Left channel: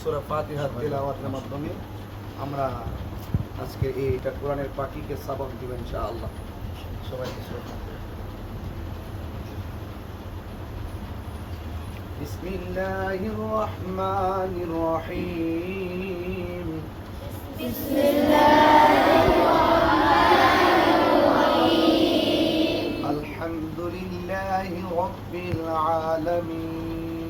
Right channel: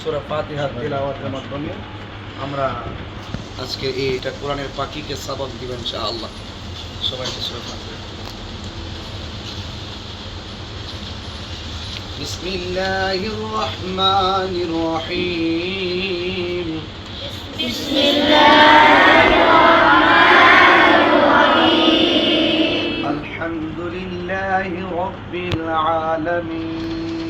সুরা ফাতিহা তেলাওয়াতের মাধ্যমে আমরা আজকে এইটা কোরআনের পাখিকে সাবক দিবেন ইনশাআল্লাহ সবাইকে সুরা ফাতিহা بسم الله الرحمن الرحيم الحمد لله رب العالمين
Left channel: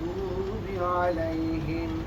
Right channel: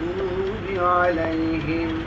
المغضوب عليهم.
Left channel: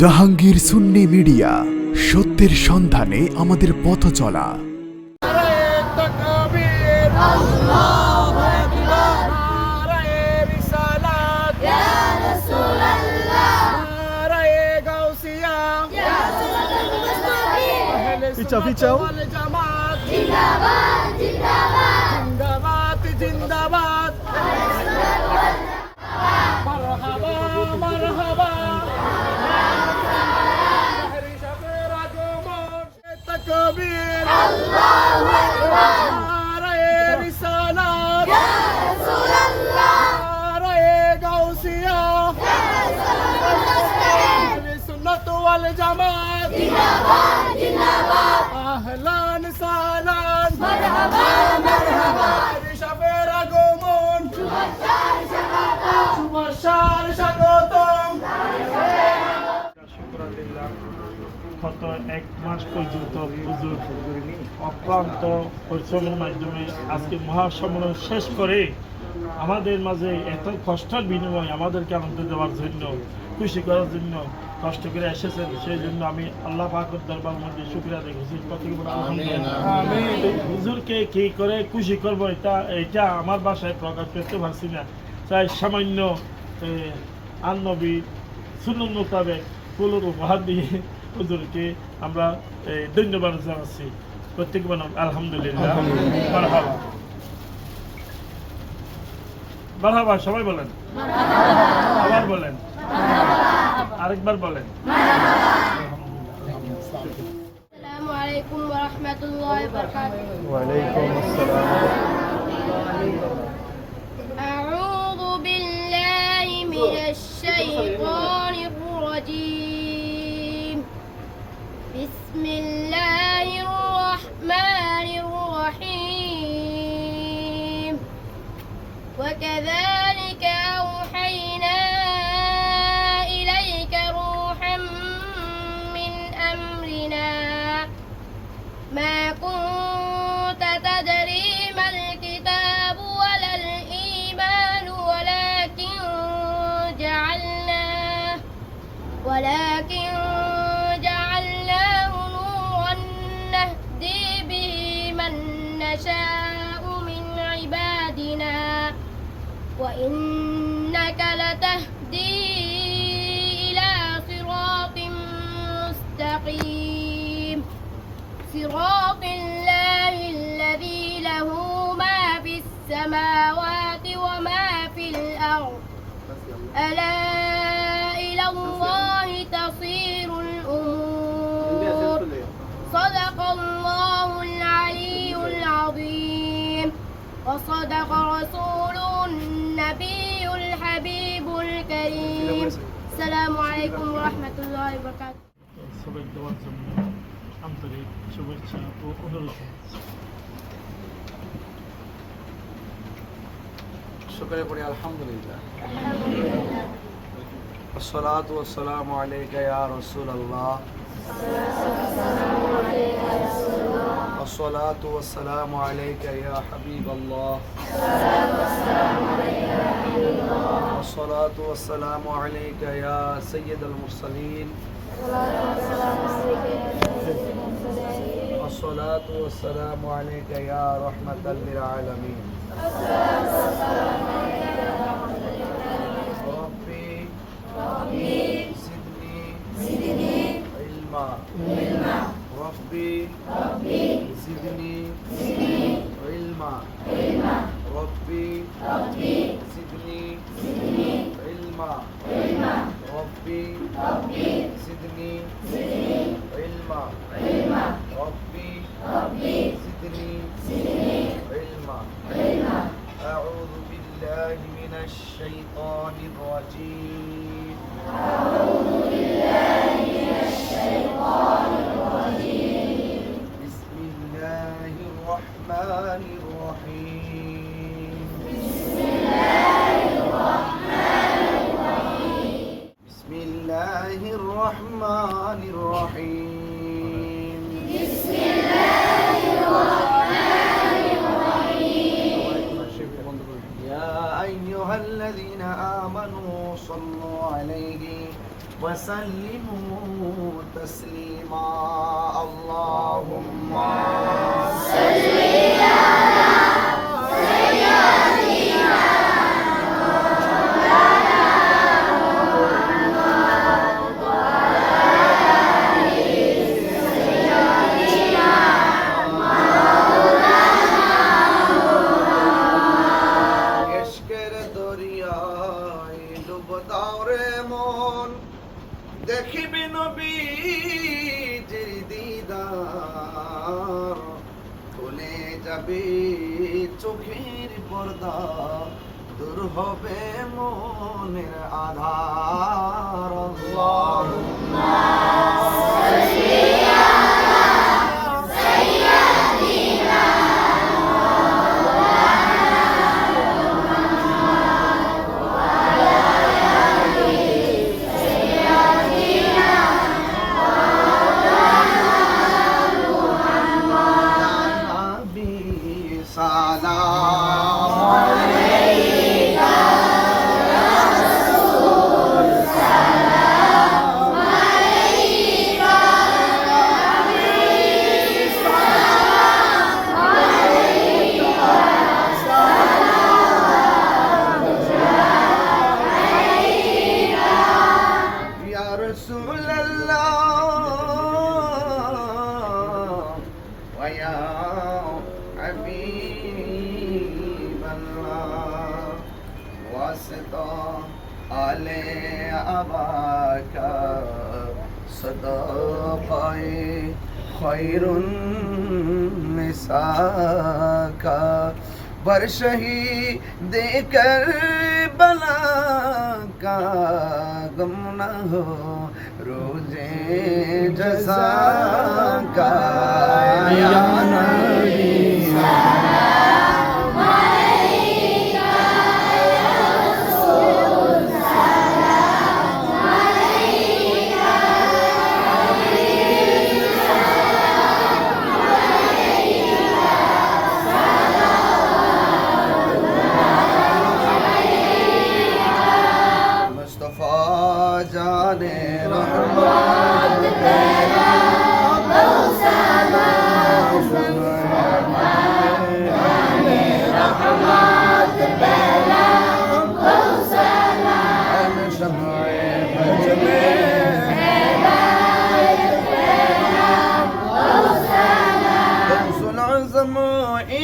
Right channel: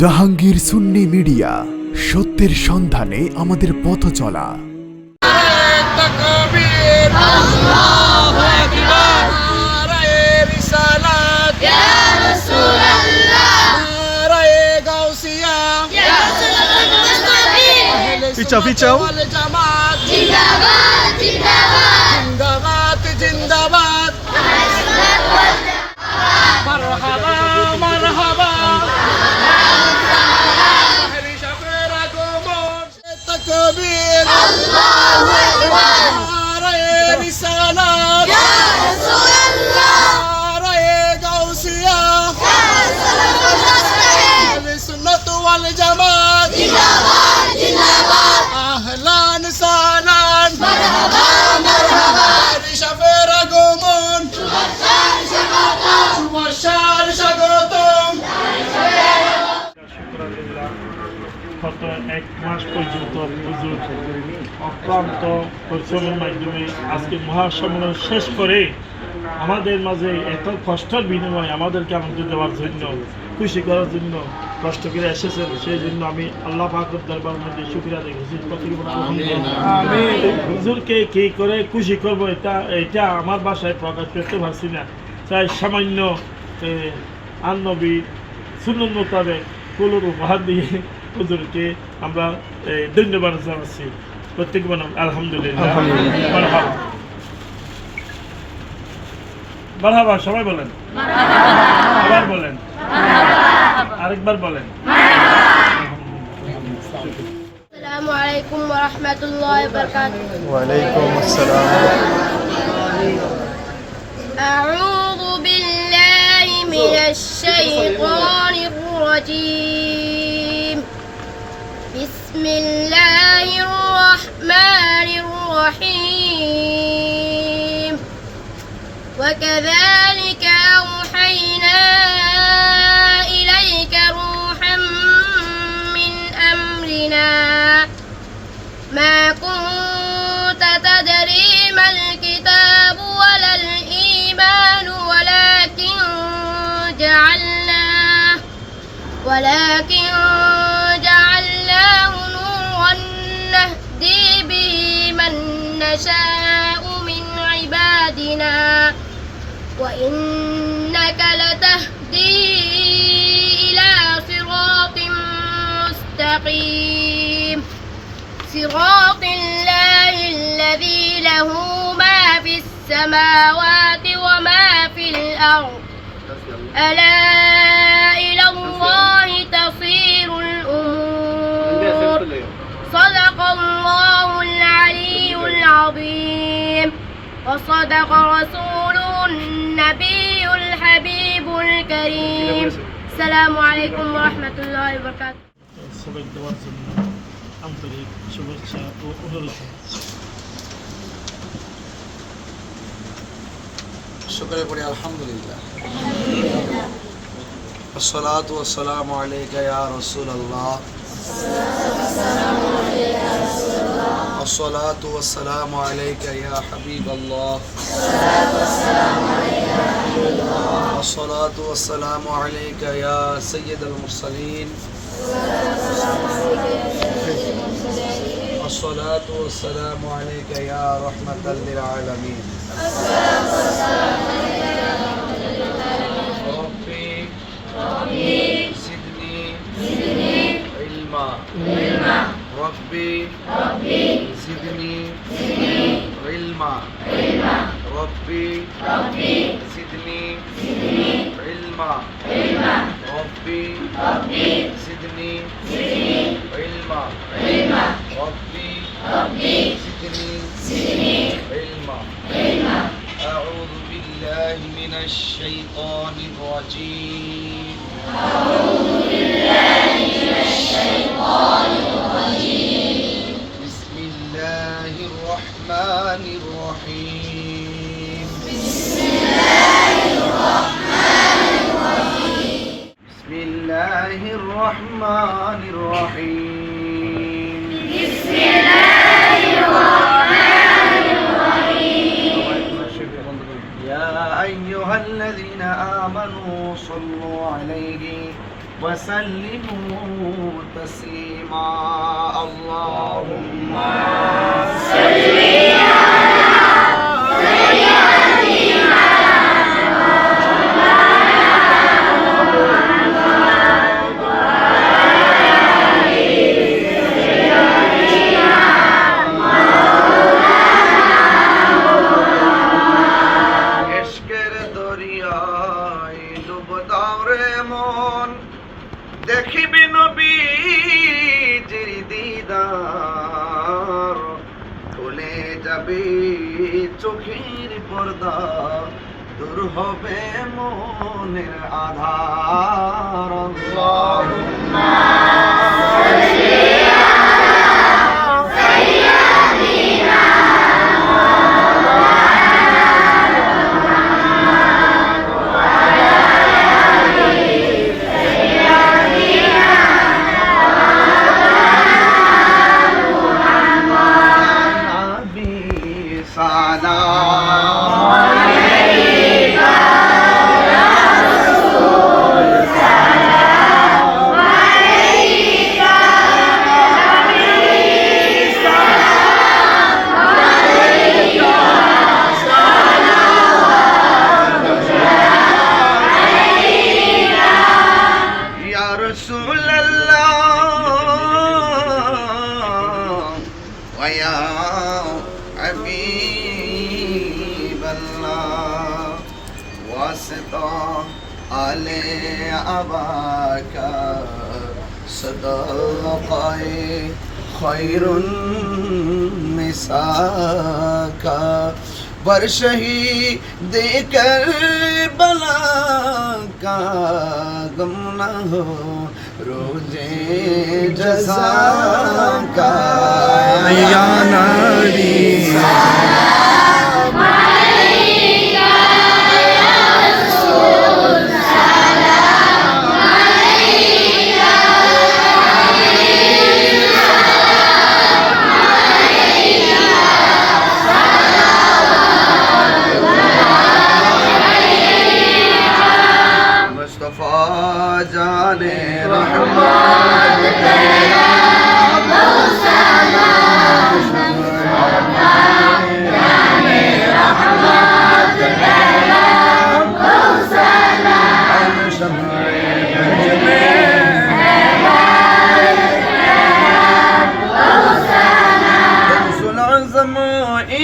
জাহাঙ্গীর সুন্নি মিডিয়া সত্যের সন্ধানে আমাদের পথ চলা। পিছাও পিছাও জিন্দাবাদ। মারহাবা মারহাবা। গত এক মাস পর্যন্ত হুজুর অক্লান্ত পরিশ্রমের মাধ্যমে আজকে মহাসম্মেলন শেষ করে আমাদের মাঝে এত কষ্টের বিনিময়ে আমাদেরকে আনন্দ দেওয়ার জন্য খুশি করার জন্য কষ্ট করে এসেছেন। সেই জন্য আমি আল্লাহ পাকের দরবার মধ্যে শুক্রিয়া দেখেছি হুজুরকে কি করে খুশি করব এটা এটা আমার বাসায় প্রকাশ করতে পারছি না। তাই সামান্য আন্নবী সুন্নত মোতাবেক ফুলের উপহার দিয়ে হুজুরকে আমরা এ, ধন্যবাদ জানাচ্ছি প্রত্যেক বানাম আলহামদুলিল্লাহ মারহাবা মারহাবা সবাই বলেন আবার বলেন আরেকবার বলেন আসসালামু আলাইকুম ওয়া রাহমাতুল্লাহি ওয়া বারাকাতুহু ওয়ালাইকুম আসসালাম أعوذ بالله من الشيطان الرجيم بسم الله الرحمن الرحيم. وكذلك أوحينا إليك روحا من أمرنا. ما كنت تدري ما الكتاب ولا الإيمان ولكن جعلناه ولكن نشاء من عبادنا وإنك لتهدي إلى صراط مستقيم. صراط الله الذي له ما في السماوات وما في الأرض. ألا وصدق رسوله النبي الحبيب الكريم السلام عليكم ورحمة الله وبركاته সবাই দেওয়ার জন্য আন্তরিক শুভেচ্ছা ও অনুরোধ জানাচ্ছি। শুক্রে পড়ি আলহামদুলিল্লাহ الصلاة والسلام عليك يا رسول الله الصلاة والسلام عليك يا حبيب الله. الصلاة والسلام عليك يا سيد المرسلين. الصلاة والسلام عليك يا رحمة للعالمين. ربي زدني ربي ربي زدني زدني علما علما ربي ربي زدني زدني علما علما ربي ربي زدني زدني علما علما ربي ربي زدني زدني علما. علما. أعوذ بالله من الشيطان الرجيم. أعوذ بالله من الشيطان الرحمن الرحيم. بسم الله الرحمن الرحيم. بسم يا أيها الذين آمنوا صلوا عليه وسلموا تسليما. اللهم ডুব মন দেখিবি নবীজির দিদার। খুলে যাবে চোখের পর্দা দূর হবে মনের আধার। آل ابا کا صدقائے خیر النساء کا برشہی دے کر بلا کا غم نہ ہو، روزے جزا کا۔ یا ناری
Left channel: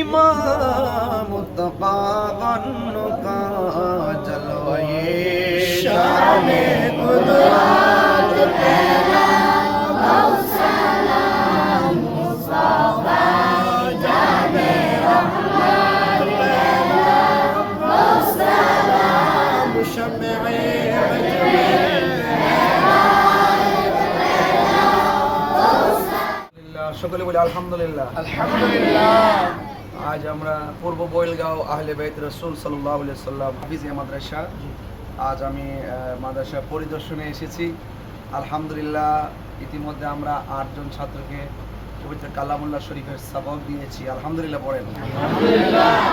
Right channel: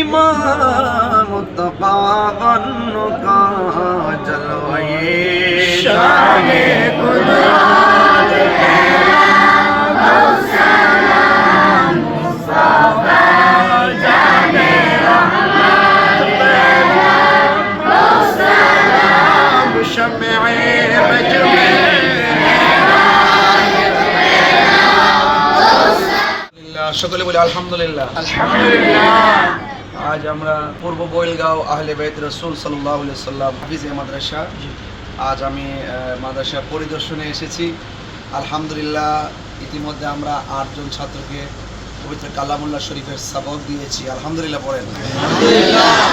ইমাম তপাগন্ন কা জলওয়ে শানে কুদরাত شمعي رجلي সকলে বলে আলহামদুলিল্লাহ। আলহামদুলিল্লাহ। আজ আমরা পূর্ব বৈলগাঁও আহলে বাইত রসুল সাল্লাহ সাল্লাম হাফিজে মাদ্রাসা। আজ আমি মাদ্রাসা পরিদর্শনে এসেছি। আলহামদুলিল্লাহ ইতিমধ্যে আমরা আটজন ছাত্রকে পবিত্র কালামুল্লাহ শরীফের সাবক দিয়েছি। আলহামদুলিল্লাহ পড়েন।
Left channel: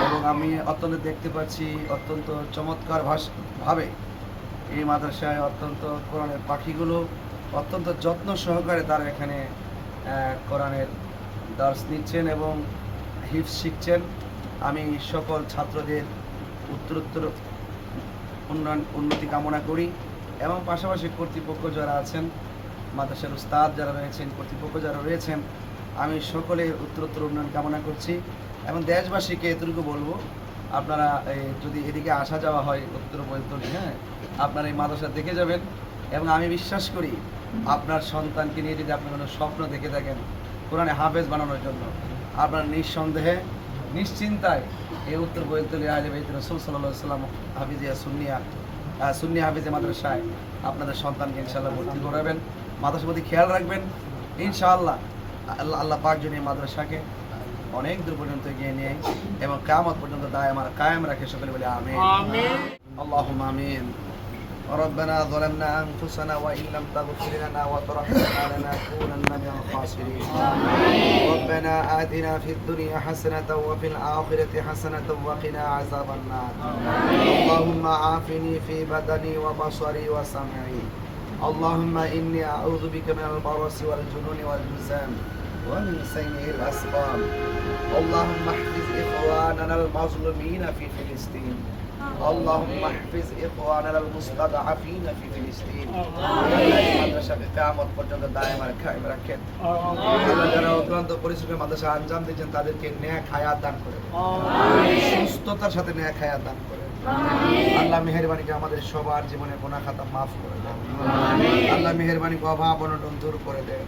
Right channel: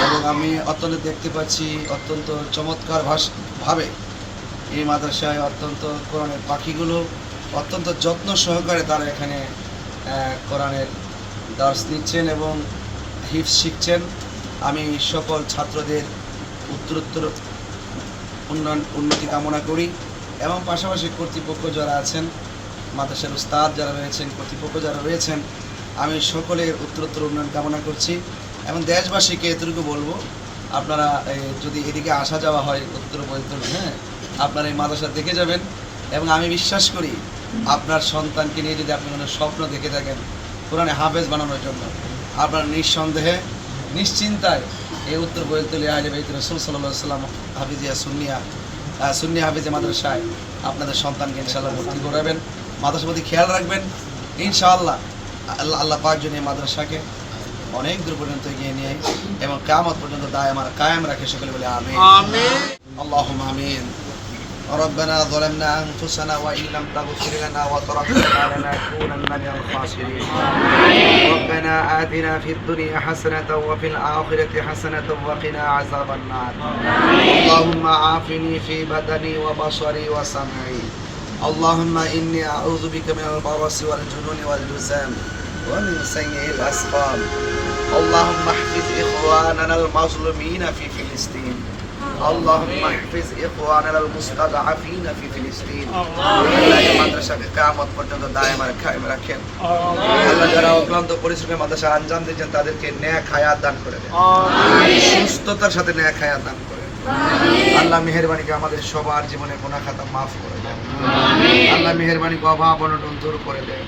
এবং আমি অত্যন্ত দেখতে পাচ্ছি অত্যন্ত চমৎকার ভাবে এই মাদ্রাসায় অত্যন্ত কোরআনের পাখিগুলো অত্যন্ত যত্ন সহকারে তারা এখানে কোরআনের দার্স নিচ্ছেন এবং হিফ শিখছেন। আমি সকল ছাত্রদের উত্তরোত্তর উন্নয়ন, উন্নতি কামনা করি এবং পাশাপাশি কর্তৃপক্ষ যারা আছেন, মাদ্রাসার উস্তাদ যারা রয়েছেন, কর্তৃপক্ষ যারা রয়েছেন, আমি সকলের উত্তরোত্তর উন্নয়ন কামনা করছি এবং দেশবাসীকে এতটুকু বলব, আপনারা যদি এদিকে আসা যাওয়া হয় উত্তর বৈতল হ্যাঁ আপনারা এই মাদ্রাসা দেখে যাবেন এবং আমি বিশ্বাস করি আপনার সন্তানকে নিয়ে যদি আপনি কোনো স্বপ্ন দেখে থাকেন, কোরআনে হাফেজ বানানোর জন্য আপনার নিঃসন্দেহে নিশ্চিন্তায় এই উত্তর বৈতুল্লি তুলে বাইত রসুল সাল্লাম হাফিজিয়া সুন্নিয়া সুন্নি হাফিজে মাদ্রাসায় আপনাদের সন্তানকে ইনশাল্লাহ ভর্তি করাবেন। মাদ্রাসার প্রতি খেয়াল রাখবেন। ইনশাআল্লাহ আল্লাহ আল্লাহ পাকজন এই মাদ্রাসাকে অনেক দূর পর্যন্ত এগিয়ে নিয়ে এবং কামত পর্যন্ত দায় আমার কায়েম রাখে। সকলে বলে আমিন। আল্লাহ আমিন। ربنا ظلمنا أنفسنا وإن لم تغفر لنا وترحمنا لنكونن من الخاسرين ربنا آتنا في الدنيا حسنة وفي الآخرة حسنة وقنا عذاب النار اللهم عافني في بدني وبصري وسمعي اللهم إني أعوذ بك من البرص والجنون والجزام ومن سيء الأسقام اللهم احفظ إخواننا المظلومين في فلسطين اللهم احفظ إخواننا المستضعفين في فلسطين আল্লাহ এই মাদ্রাসাকে কিয়ামত পর্যন্ত দায়েম আর কায়েম রাখেন আল্লাহ যারা অক্লান্ত পরিশ্রমে মাদ্রাসা আঞ্জাম দিয়েছেন তাদেরকে ন্যাক হায়াত দান করে দেন সুস্থতার সাথে ন্যাক হায়াত দান করে দেন। আল্লাহ মেহরবানিকে আমাদের সবার জীবনে গোনা খাতা মাফ করে দেন আল্লাহ মেহরবানিকে অভাব অনটন দূর করে দেন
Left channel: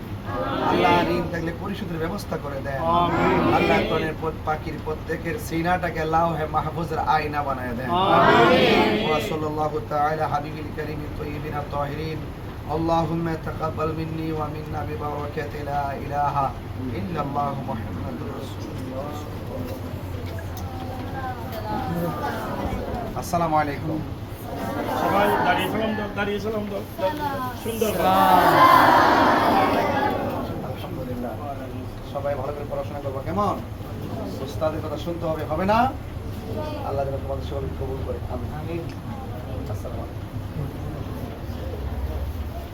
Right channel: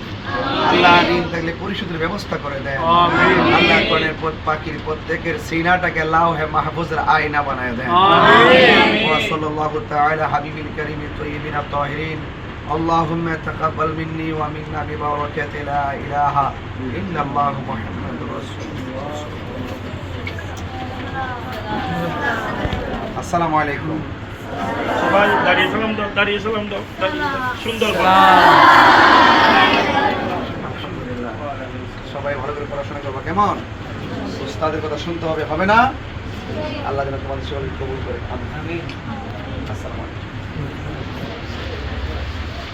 আল্লাহ ঋণ থাকলে পরিশোধের ব্যবস্থা করে দেন আল্লাহ কোরআনের পথ পাখির প্রত্যেকের সিনাটাকে লাও হে মাহফুজের আয়না বানায় দেন وصلى الله تعالى حبيب الكريم الطيبين الطاهرين اللهم تقبل مني ومنا ببركة لا إله إلا الله محمد আসসালামু আলাইকুম। সবাই দাঁড়িয়ে সালাম দাও দাঁড়িয়ে সালাম দাও সুন্দর সবাই ভালো করে পড়াশোনা করব কেমন? তাদের কথা শুনতে হবে হবে না? আল্লাহ যেন তোমাদের সকলকে কবুল করে